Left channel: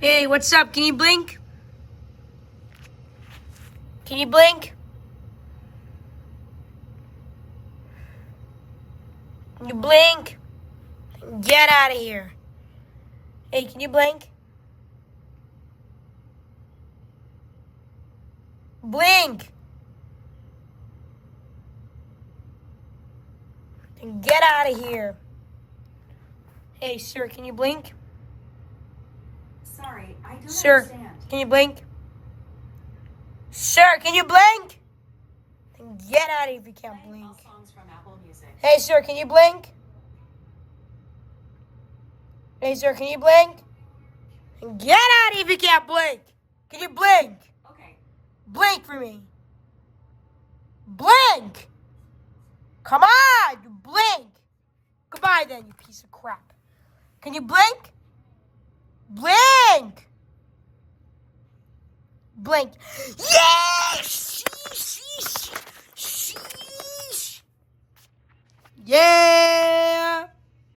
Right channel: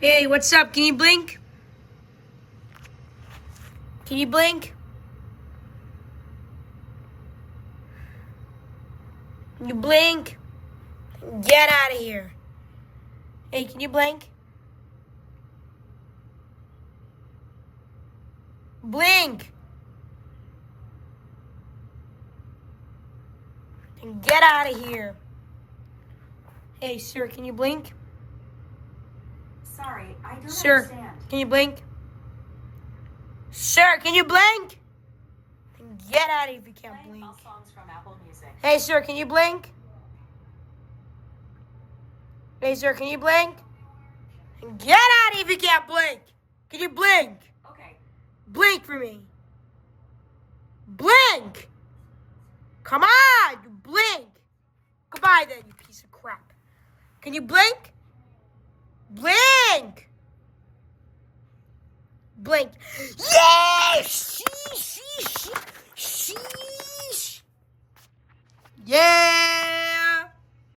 Hey, what's up? Can you blink? Can you blink? Can you blink? Get out of here. Hey, can you blink? Blink. And get out of here. Hey, sir, can you blink? Sorry, I don't Sir, understand. can you blink? Sir, can you blink? And get out of here if you can't Playing blink. all songs from Apple Music. Hey, sir, can you blink? Hey, sir, can you blink? And get out of here if you can't blink. Can you blink? Okay. Blink for me. Blink! Come on, you blink. Goodbye then, you piece of crap. Can you blink? Blink! Blink. Yes! Sheesh! Sheesh! Sheesh! Yeah!